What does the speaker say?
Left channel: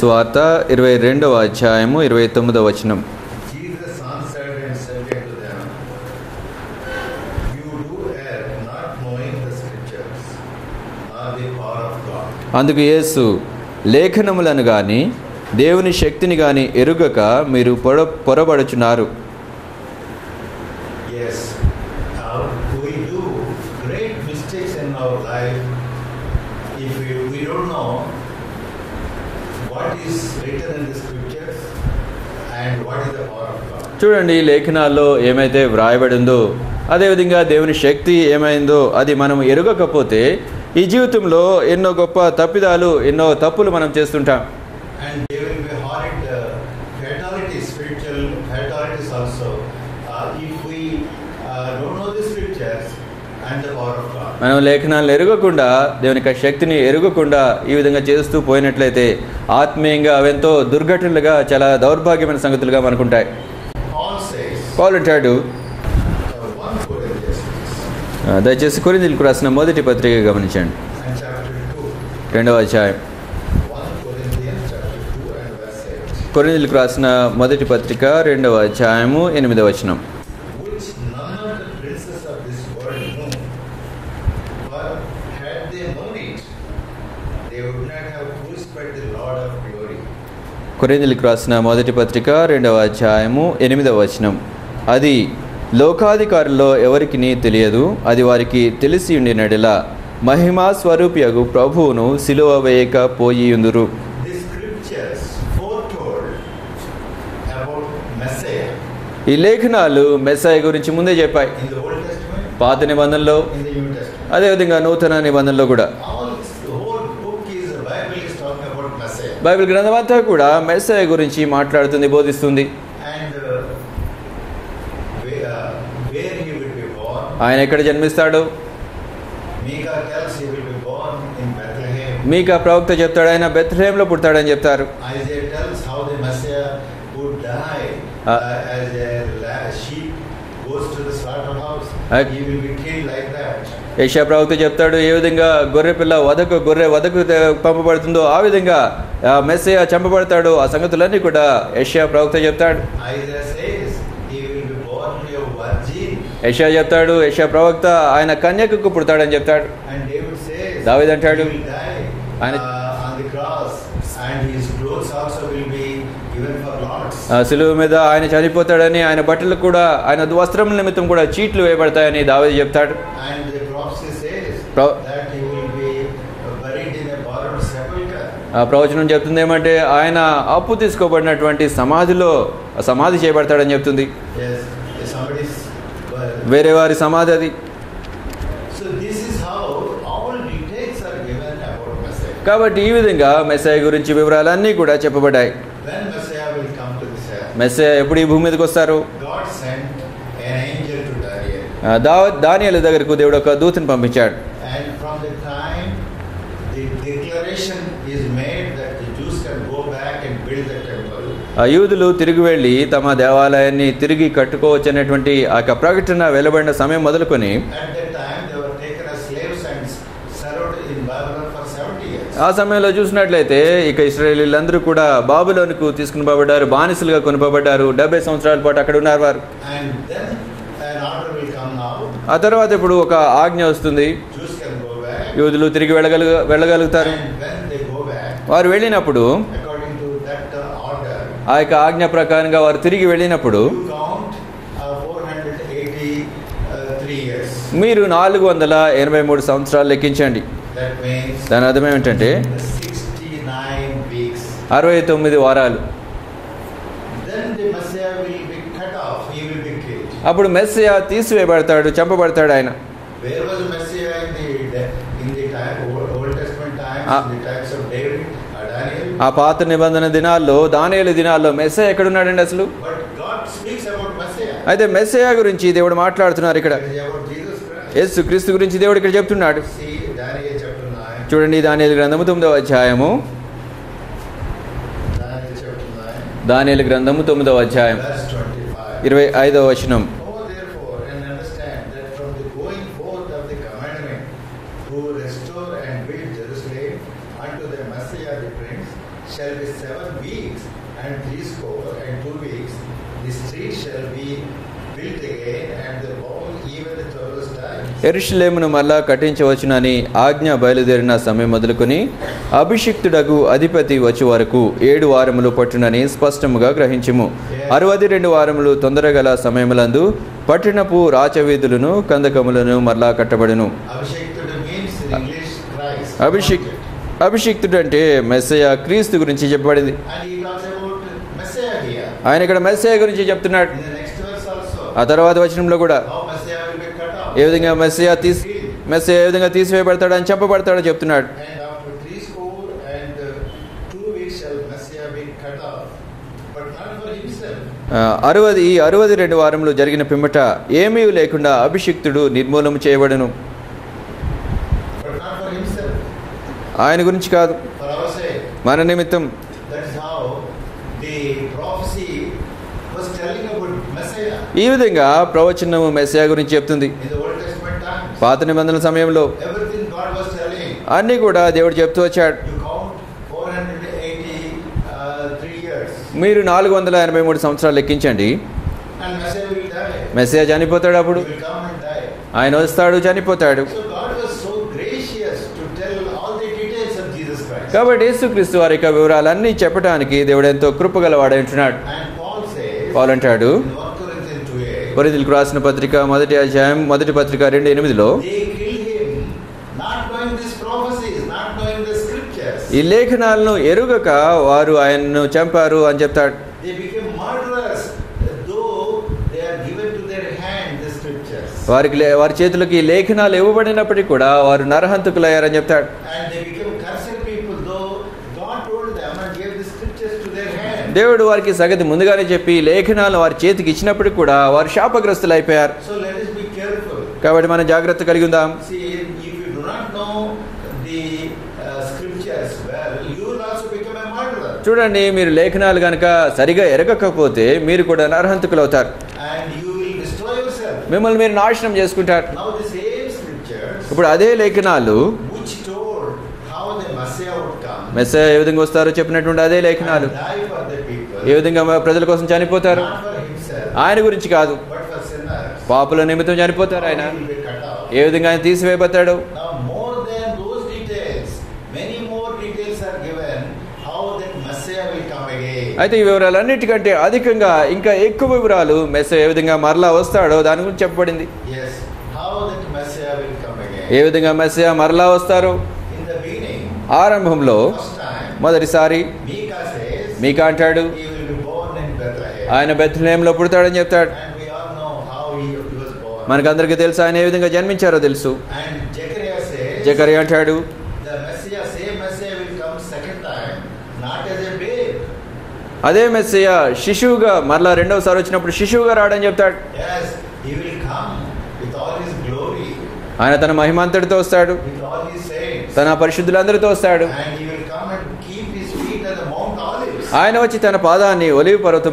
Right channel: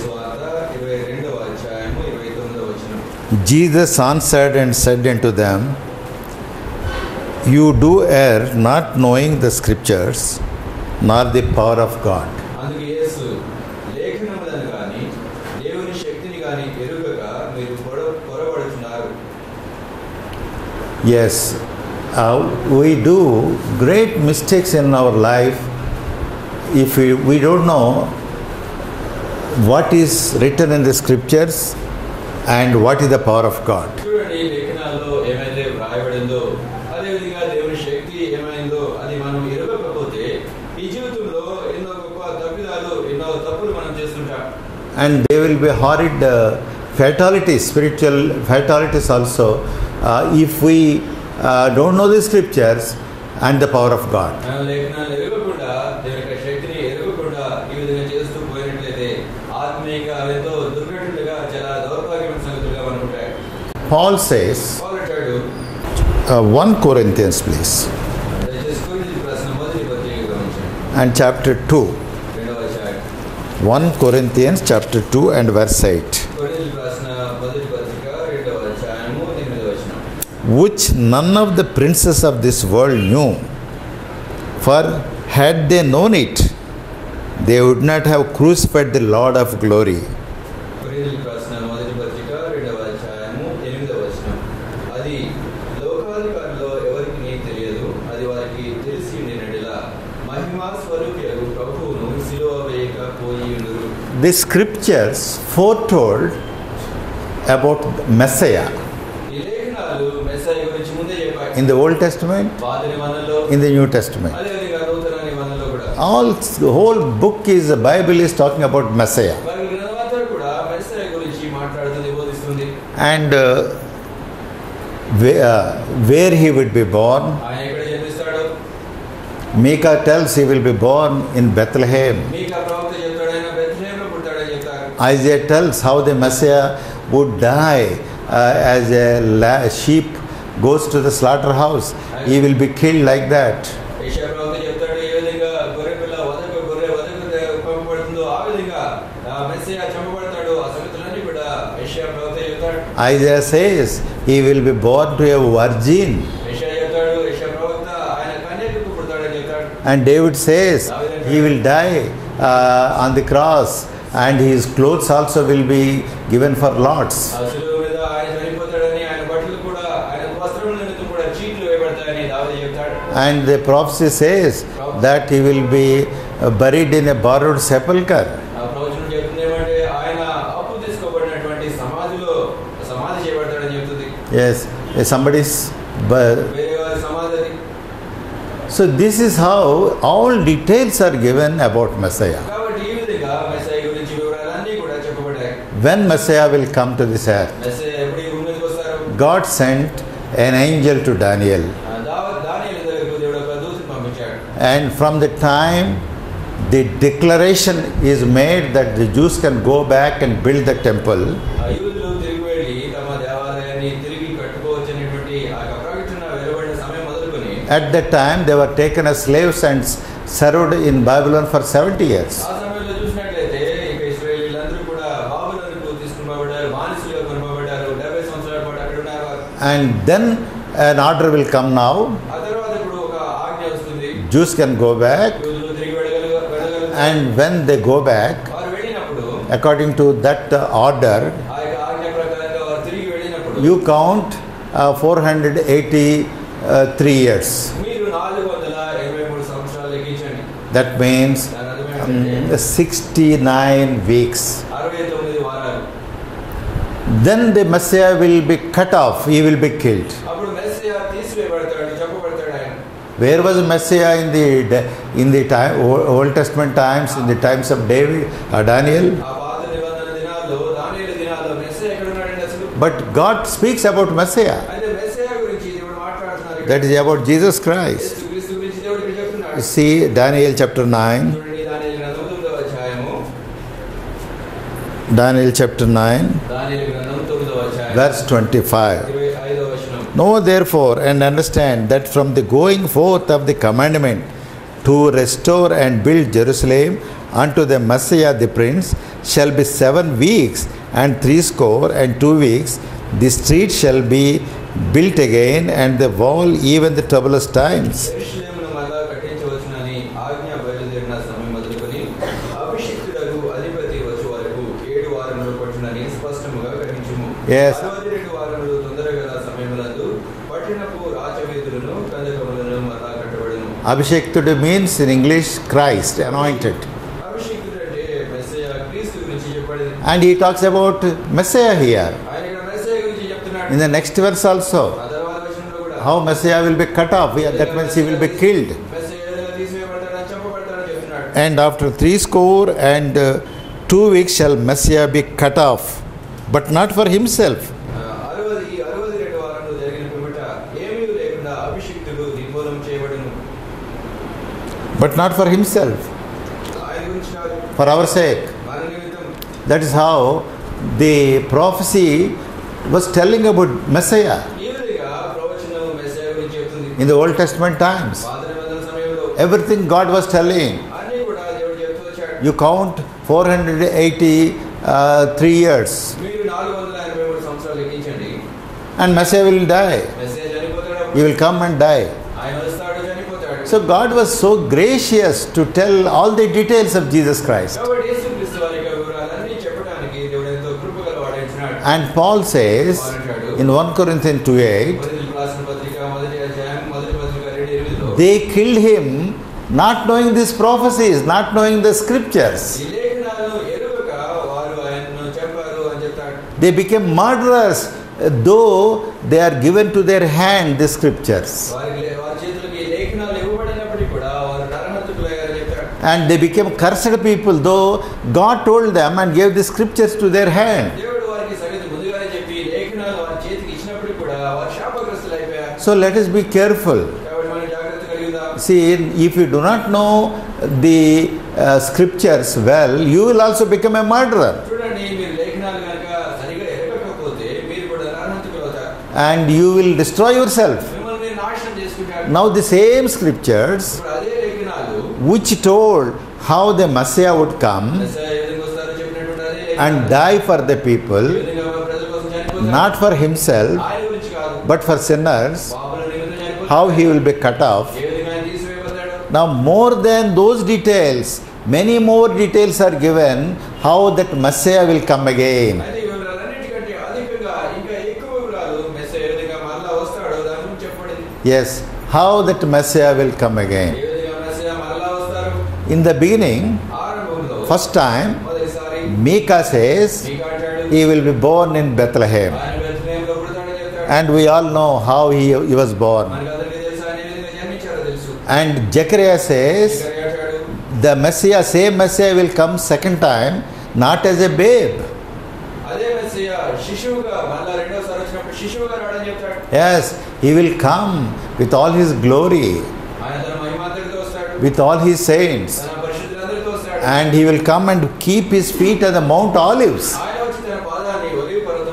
సువార్త 22వ అధ్యాయము 29వ వచనం. Jesus answered and said unto them, You do err, not knowing the scriptures, nor the power of God. అందుకు యేసు, లేఖనములను గాని దేవుని శక్తిని గాని ఎరుగక మీరు పొరబడుచున్నారు. Yes, we do great mistakes in our life if we don't know what is written in the scriptures and what is the power of God. చూడండి, లేఖనాల్లో ఏమైతే వ్రాయబడిందో, అదేవిధంగా దేవుని శక్తి ఏమైందో అది మనం ఎరుగకపోతే ఈ జీవితంలో ఎన్నో గొప్ప తప్పిదాలు, ఎన్నో తప్పులు మనం చేస్తుంటాం. And there will be horrid fatalities, spiritual fatalities also, if we don't know the scriptures and the power of God. మనం లేఖనాలను ఎరుగకుండా, దేవుని యొక్క శక్తిని ఎరుగకుండా ఈ విధంగా చేస్తూ పోయినట్లయితే ఆత్మీయంగా అవెంతో దుర్ఘటనలుగా, చాలా దౌర్భాగ్యమైన సంగతులుగా మనకుంటాయి. Paul అంటాడు, 1 Corinthians please, దయచేసి కొరింథీయులకు రాసిన మొదటి పత్రిక గమనించండి. and chapter 2, 2వ అధ్యాయం. 1 Corinthians chapter 2 and verse 8. కొరింథీయులకు రాసిన మొదటి పత్రిక 2వ అధ్యాయము 8వ వచనం. Which none of the princes of this world knew, for had they known it, they would not have crucified the Lord of glory. కొరింథీయులకు రాసిన మొదటి పత్రిక 2వ అధ్యాయము 8వ వచనం. అది లోకాధికారుల్లో ఎవరికి తెలియదు, అది వారికి తెలిసి ఉండినడెలా మహిమా స్వరూపియగు ప్రభువును సిలువ వేయక పోయియుందురు. The scriptures foretold about Messiah. ఈ లేఖనాలు మెస్సయ గురించి ముందే చెప్పాయి. In the Old Testament, పాత నిబంధనలో, in the New Testament, అదేవిధంగా నూతన నిబంధనలో కూడా. the whole book is, the Bible is talking about Messiah. Bible గ్రంథం అంతా కూడా మెస్సయ గురించి మాట్లాడుతుంది, బోధిస్తుంది. And where he would be born, ఆయన ఎక్కడ జన్మిస్తాడు? Micah tells he will be born in Bethlehem. మీకా ప్రవక్త చెప్తాడు ఆయన బెత్లెహేంలో పుడతాడని చెప్తారు. Isaiah tells how the Messiah would die as a sheep goes to the slaughterhouse. He will be killed like that. యెషయా ప్రవక్త చెప్తాడు ఏ విధంగా గొర్రె వధకు పంపబడుతుందో ఆ విధంగా మెస్సయ చంపబడతాడు. ఆ సంగతులన్నీ కూడా యెషయా ప్రవక్త చెప్తాడు. Isaiah says he will be born to a virgin. యెషయా చెప్తాడు, యెషయా ప్రవక్త ఆయన కన్యకకు పుడతాడని చెప్తాడు. And David says దావీదు అంటాడు, he will die on the cross and his clothes also will be given for lots. సిలువ మీద ఆయన చనిపోతాడని, ఆయన బట్టలు కూడా, ఆయన వస్త్రముల నిమిత్తం కూడా చీట్లు వేయబడతాయని దావీదు చెప్తాడు. And the prophecy says that he will be buried in a borrowed sepulchre. ఆ ప్రవచనం చెప్తుంది ఏమంటే ఆయన అప్పు తీసుకోబడినటువంటి సమాధి చేయబడతాడని చెప్తుంది. Yes, somebody's వేరే వారి సమాధి అది. So this is how all details are given about Messiah. కాబట్టి ఈ విధంగా మెస్సయ గురించి వివరాలన్నీ కూడా చెప్పబడ్డాయి. When Messiah will come to this earth, Messiah ఎప్పుడు ఈ భూమి మీదకి వస్తారు? God sent an angel to Daniel. దానియేలు దగ్గరకు దేవుడు ఒక దూతను పంపించాడు. And from the time the declaration is made that the Jews can go back and build the temple, యూదులు తిరిగి వెళ్ళి తమ దేవాలయాన్ని తిరిగి కట్టుకోవచ్చు అనేటువంటి ఆ ప్రకటన వెలువడిన సమయం మొదలుకొని at that time they were taken as slaves and served in Babylon for 70 years. ఆ సమయంలో చూసినట్లయితే ఇక ఇశ్రాయేలీలందరూ కూడా బాబిలోనుకు తీసుకుని పోబడ్డారు, బానిసలుగా కొనుకోబడ్డారు. 70 సంవత్సరాల పాటు అక్కడ ఉన్నారు వారు. And then an order will come now. ఆ తర్వాత ఇప్పుడు ఒక ఆజ్ఞ వస్తుంది. Jews can go back. యూదులు తిరిగి వెళ్ళగలుగుతారు. And when they go back, వారు వెళ్ళినప్పుడు according to that order, ఆ యొక్క ఆజ్ఞ ప్రకారంగా వారు తిరిగి వెళ్ళినప్పుడు you count 483 years. మీరు 483 సంవత్సరాలు లెక్కించండి. That means దాని అర్థం ఏమిటంటే 69 weeks. 69 వారాలు. Then the Messiah will be cut off, he will be killed. అప్పుడు మెస్సియా తీసివేయబడతాడు, చంపబడతాడు ఆయన. Where was Messiah in the time, Old Testament times, in the times of David, Daniel? ఆ పాత నిబంధన దినాల్లో, దానియేలు దినాల్లో మెస్సియా ఎక్కడ ఉన్నాడండి అసలు? But God speaks about Messiah. అయితే మెస్సియా గురించి దేవుడు మాట్లాడుతున్నారు ఇక్కడ. That is about Jesus Christ. యేసుక్రీస్తు గురించి దేవుడు ఇక్కడ చెప్తున్నాడు. See Daniel chapter 9. చూడండి, దానియేలు గ్రంథము 9వ అధ్యాయము. Daniel chapter 9, దానియేలు గ్రంథము 9వ అధ్యాయం verse 25. 25వ వచనం. Know therefore and understand that from the going forth of the commandment to restore and build Jerusalem unto the Messiah the Prince, shall be 7 weeks, and 62 weeks. The street shall be built again, and the wall even the troublous times. యెరూషలేమును మళ్ళా కట్టించవచ్చునని ఆజ్ఞ బయలుదేరిన సమయం మొదలుకొని అభిషిక్తుడగు అధిపతి వచ్చే వరకు 7 వారములు పట్టునని స్పష్టముగా గ్రహించుము. 62 వారములు తొందరగల సమయములందు పట్టణపు రాచవీధులను కందకములను మళ్ళా కట్టబడును. Abhishektudu means in English Christ, anointed. అభిషిక్తుడు అంటే మెస్సయా, క్రీస్తు గురించి చెప్పబడింది. And he talks about Messiah here. ఆయన ఇక్కడ మెస్సయా గురించి చెప్తున్నాడు. In the next verse also, ఆ తర్వాత వచనంలో కూడా how Messiah will be cut off, ఏ విధంగా మెస్సయా killed. మెస్సయా ఏ విధంగా తీసివేయబడతాడు అని చెప్పబడతాడో చెప్తున్నాడు. And after 62 weeks shall Messiah be cut off, but not for himself. 62 వారములు జరిగిన పిమ్మట ఏమీ లేకుండా అభిషిక్తుడు నిర్మూలన చేయబడను. But not for himself, ఆయన గురించి కాదు, for our sake. మన నిమిత్తం. That is how the prophecy was telling about Messiah ఈ విధంగా ప్రవచనము మెస్సయా గురించి చెప్తుంది. in the Old Testament times. పాత నిబంధనల సమయంలో Everything God was telling. అన్నీ కూడా దేవుడు చెప్తూ వచ్చాడు. You count 483 years, మీరు 483 సంవత్సరాలు లెక్కించండి. and Messiah will die. మెస్సయా చనిపోతాడు. అప్పుడు He will come and die. ఆయన వస్తాడు, చనిపోతాడు. So God was so gracious to tell all the details of Jesus Christ. కాబట్టి యేసుక్రీస్తు వారి యొక్క వివరాలన్నీ చెప్పడానికి దేవుడు ఎంతో కృపగలవాడై ఉంటున్నాడు. And Paul says పౌలు అంటాడు in 1 Corinthians 2:8, కొరింథీయులకు రాసిన పత్రిక 1వ అధ్యాయం 1వ పత్రిక 2:8లో they killed him not knowing these prophecies, not knowing the scriptures. ఈ లేఖనాలను ఎరుగక వారు ఆయనను చంపారు అని చెప్తాడు. They became murderers, though they are given to their hand the scriptures. వారి చేతులకు ఈ లేఖనాలు ఇవ్వబడినప్పటికీ కూడా వారు నరహంతకులయ్యారని చెప్తాడు. And they became cursed people, though God told them and gave the scriptures to their hand. దేవుడు వారికి సంగతి ముందుగానే చెప్పి లేఖనాలను వారి చేతికి ఇచ్చినప్పటికీ కూడా వారు శాపగ్రస్తులు అయిపోయారు. So let us be careful. కాబట్టి మనం జాగ్రత్త కలిగి ఉందాం. See, if you do not know the scriptures well, you will also become a murderer. చూడండి, మీరు లేఖనాలు కనుక సరిగా ఎరగకపోతే మీరు కూడా నరహంతకులు అవుతారు. And you will destroy yourself. మిమ్మల్ని మీరు నాశనం చేసుకుంటారు. Now the same scriptures ఇప్పుడు అదే లేఖనాలు which told how the Messiah would come మెస్సయా ఏ విధంగా వస్తారో చెప్పినటువంటి అదే and లేఖనాలు die for the people, ఏ విధంగా ప్రజల కోసం చనిపోతారు, not for himself, ఆయన గురించి కాదు, but for sinners, పాపుల నిమిత్తం how చనిపోతారు, he will be cut off. ఏ విధంగా ఆయన తీసివేయబడతాడు. Now more than those details, many more details are given how that Messiah will come again. అయితే ఈ వివరాలన్నిటికంటే అధికంగా ఇంకా ఎక్కువ వివరాలు మెస్సయా ఏ విధంగా మరలా వస్తాడో దాని గురించి చెప్పబడింది. Yes, how that Messiah will come again. ఏ విధంగా మెస్సయా మరలా వస్తారు. In the beginning, ఆరంభంలో first time, మొదటిసారి Micah says మీకా అంటాడు he will be born in Bethlehem. ఆయన బెత్లెహేములో పుడతాడని చెప్తాడు. And we all know how he was born. మనకందరికీ తెలుసు ఆయన ఏ విధంగా జన్మించారో తెలుసు. And Zechariah says జకరియా అంటాడు the Messiah, same Messiah will come second time, not as a babe. అదే మెస్సయా శిశువుగా మరలా రెండవసారి వచ్చినప్పుడు శిశువుగా రావడని చెప్తాడు. Yes, he will come with all his glory, ఆయన తన మహిమాంతటితో వస్తాడు, with all his saints, తన పరిశుద్ధులందరితో వస్తాడు. and he will come and keep his feet at the Mount Olives. ఆయన వచ్చి తన పాదాన్ని ఒలీవ పర్వతం